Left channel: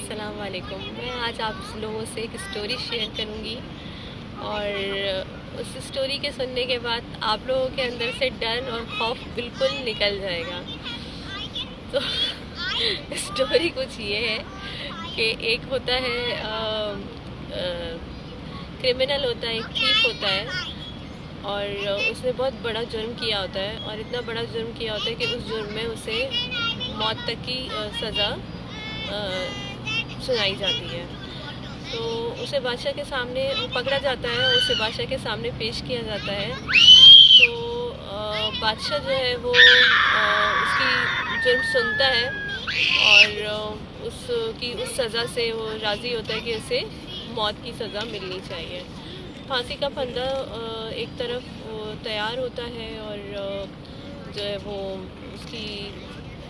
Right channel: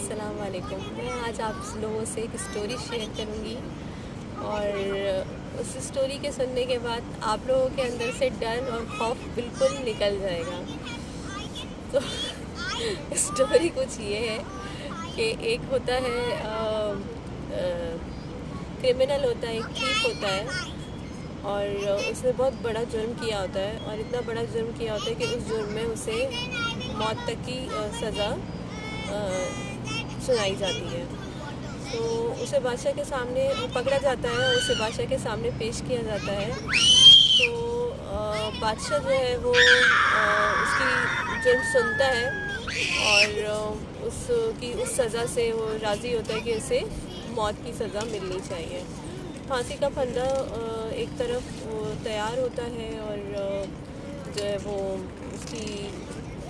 अस्सलाम वालेकुम। मैं आज आप लोगों से एक स्टोरी शेयर करूंगी और उस स्टोरी के सुनने के बाद आप लोगों के अंदर से डर और खौफ बिल्कुल निकल जाएगा। तो स्टोरी कुछ ये है कि एक होता है क्रिमिनल होता है, एक थीफ होता है और उसने बहुत बड़ा जुर्म किया होता है और इतना बड़ा जुर्म किया होता है कि उस जुर्म में उसे मौत तक की सज़ा सुनाई जाती है। तो उसे बादशाह के सामने पकड़ा जाता है और उसे बादशाह के सामने पेश किया जाता है। तो बादशाह जो है वो उसकी जुर्म सुनता है और उसकी उस सज़ा से वो राज़ी होता है कि उसे मौत की सज़ा मिलनी चाहिए। फांसी का फंदा एक तरफ तैयार होता है और जो है वो उसकी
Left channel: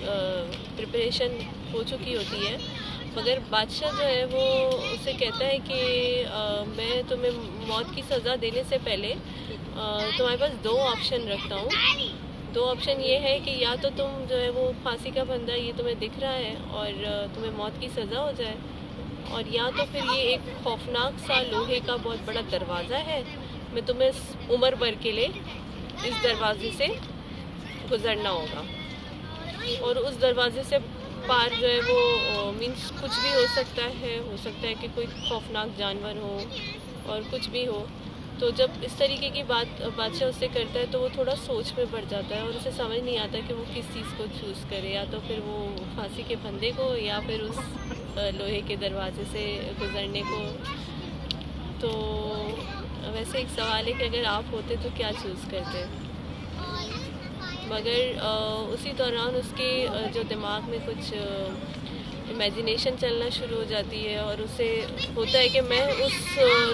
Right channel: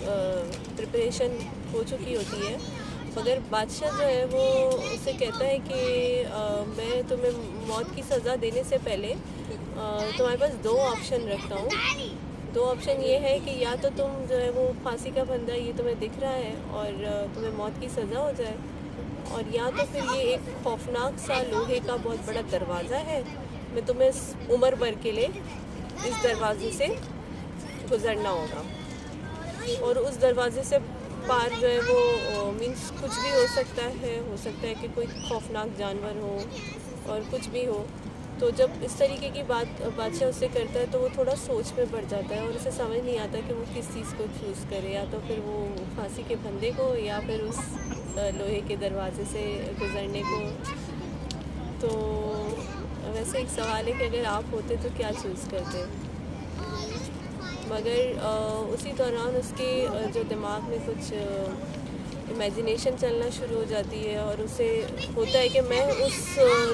प्रिपरेशन हो चुकी होती है, मगर बादशाह जो है वो उसे कहता है कि मैं तुम्हें मौत की सज़ा देने से पहले तुम्हारे पास दो ऑप्शन रखता हूँ। दो ऑप्शन ये है कि या तो तुम जो है वो फांसी का फंदा ये तुम्हें दिख रहा है और तुम्हें मौत की सज़ा हो जाए, और या तो फिर ये एक खौफनाक सा लोहे का बहुत बड़ा दरवाज़ा है, मैं तुम्हें उम्र भर के लिए इस दरवाजे से गुज़रना होगा। और उस दरवाजे से पार जो है वो मीन्स कुछ भी हो सकता है कि कोई खौफनाक जानवर हो और कुछ भी हो। तो जब इस तरीके की बात बादशाह उससे करता है तो वो थोड़ा सोच में पड़ जाता है और उसे समझ नहीं आता कि वो किस चीज़ को चूज़ करे, या तो फिर वो फांसी के फंदे को या फिर उस लोहे के दरवाजे से गुज़रने को। तो वैसे एक सवाल है कि अगर आप होते तो क्या चूज़ करते? मगर उसी दौरान उसके जो दिमाग में कुछ इमेजिनेशन चलना शुरू हो जाती है और उसे होता है कि मैं उस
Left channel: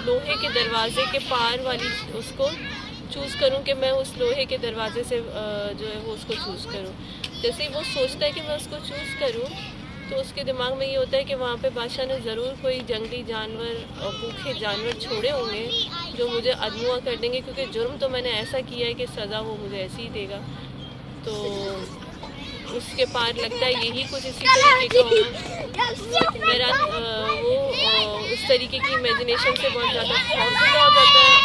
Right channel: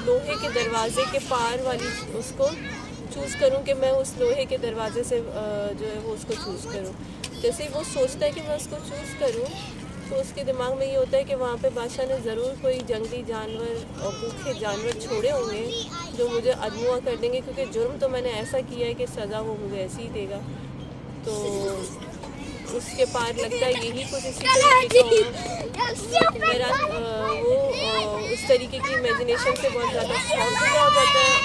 लोहे के दरवाज़े के पार वाली उसको चूज़ करूं, कि मैं उस लोहे के दरवाज़े से जो है वो उसको चूज़ करूं। जैसे ही वो सोचता है कि मैं उसको चूज़ करूं तो उसके दिमाग में ये होता है कि वहाँ पे बादशाह ने ज़रूर कोई जंगली जानवर और भूखे जानवर छोड़े होंगे जो मुझे अदमुआ कर देंगे, क्योंकि जुर्म तो मैंने ऐसा किया है कि सज़ा वो मुझे ऐसी ही देगा। तो उसके पार लगता है यही कुछ इसी तरीके का होगा। मेरा वो उस तरीके की इमेजिनेशन से बहुत ज़्यादा खौफजदा हो जाता है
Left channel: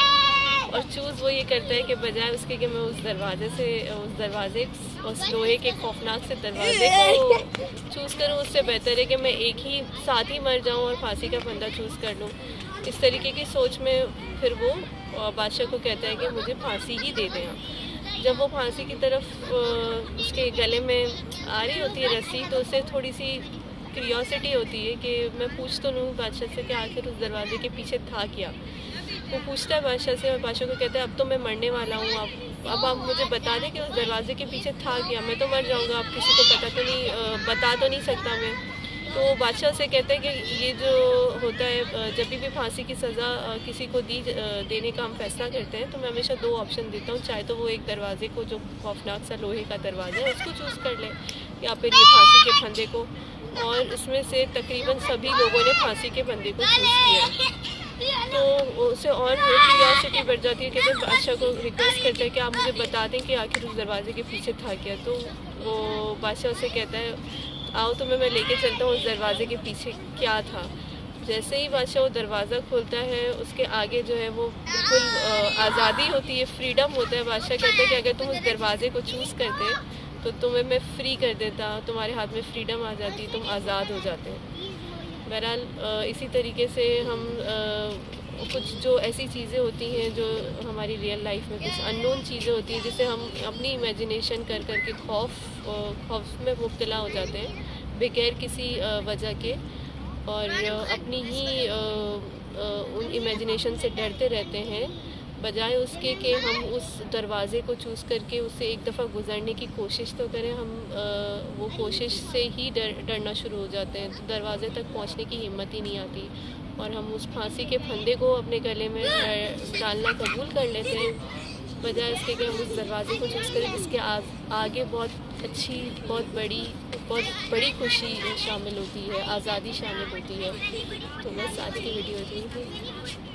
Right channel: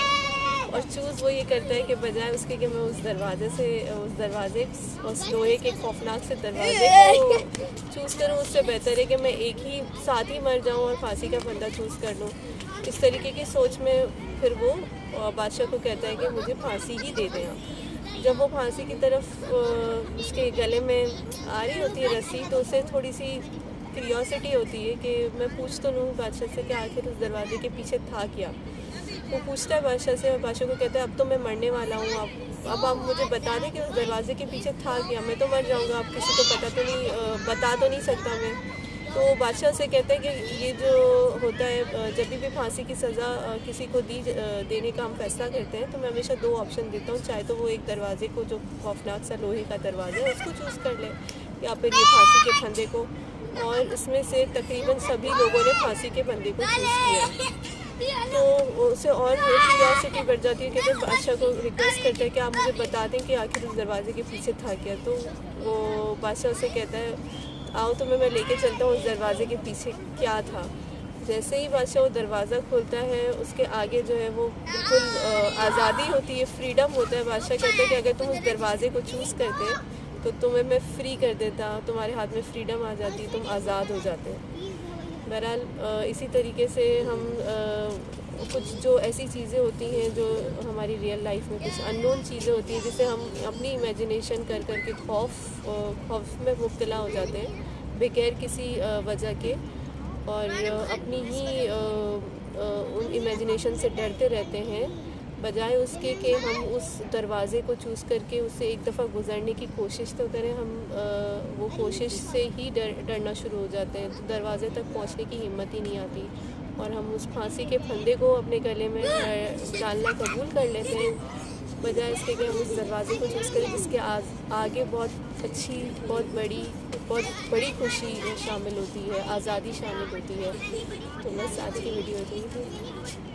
और चूज़ वो ये करता है कि बजाय उसके कि मैं उस दरवाजे उस लोहे के खौफनाक से दरवाजे को चूज़ करूं, उससे बेहतर है कि मैं एक ही साथ ही मर जाऊं और फांसी का फंदा चूज़ कर लूं। इस तरीके की सोच में फिर वो बादशाह को कहता है कि मुझे फांसी ही दे दें आप। जब वो फांसी की तरफ उसके गले में आ रही होती है रस्सी, तो उसे थोड़ी सी क्यूरियोसिटी होती है कि मैं पूछ तो लूँ बादशाह से कि आखिर उस दरवाजे के पीछे था क्या। वो पूछता है बादशाह से और बादशाह को कहता है अब तो मैं मरने वाला हूँ, अब आप मुझे बता दें कि उस दरवाजे के पीछे था क्या, मैं तो मर जाऊँगा, अब किसी को बता तो नहीं सकता मैं। तो बादशाह से कहते हैं कि ये जो होता है जब भी फांसी की सज़ा किसी को देने का हम फैसला करते हैं तो मैं हमेशा दो ऑप्शन देता हूँ, चाहे तो वो एक दरवाजे को जो खौफनाक सा लोहे का दरवाज़ा है उसको चूज़ कर ले, या फिर ये फांसी के फंदे को। और इसमें से तकरीबन सभी लोगों ने फांसी के फंदे को चूज़ किया। तो उसे और क्यूरियोसिटी बढ़ जाती है कि जब बादशाह को रिक्वेस्ट करता है कि आप मुझे बता दें कि आखिर उस दरवाजे के पीछे था क्या। तो वो बादशाह से कहता है आओ तुम्हें मैं लेके चलता हूँ उस दरवाजे के पीछे क्या था। जैसे ही बादशाह वो दरवाज़ा खोलता है उसके आगे जो है वो बिल्कुल आज़ादी होती है, फ्रीडम होता है। बादशाह कहता है कि अगर तुम उस दरवाजे को चूज़ करते तो तुम्हें मैं फ्री कर देता, तुम्हारे हाथ में फ्रीडम आ जाती, तुम आज़ाद हो जाते। बहरहाल इसी तरीके से हम कुछ जो ऐसी चीज़ें होती हैं जो हमारी रियल लाइफ में कुछ अननोन चीज़ें होती हैं जिसे हम अपनी इमेजिनेशन कर कर के खौफ में मुब्तला हो जाते हैं बगैर किसी वजह के, और अपनी ही उन इमेजिनेशन से डरते रहते हैं, बजाय उसके कि हम उस दरवाज़े को चूज़ करके उससे एक दफ़ा गुज़रने की कोशिश तो करें। हम वो कोशिश से ही डरना शुरू हो जाते हैं, तो दरवाज़े तक पहुंचने की हिम्मत ही नहीं आती और हम उस फांसी के फंदे को अपने गले में डालना कबूल कर लेते हैं, बजाय इसके कि हम उस दरवाज़े को चूज़ करें जिसके आगे बहुत बड़ी खुशी शामिल होती है, आज़ादी शामिल होती है। तो बस आज की वीडियो इतनी थी।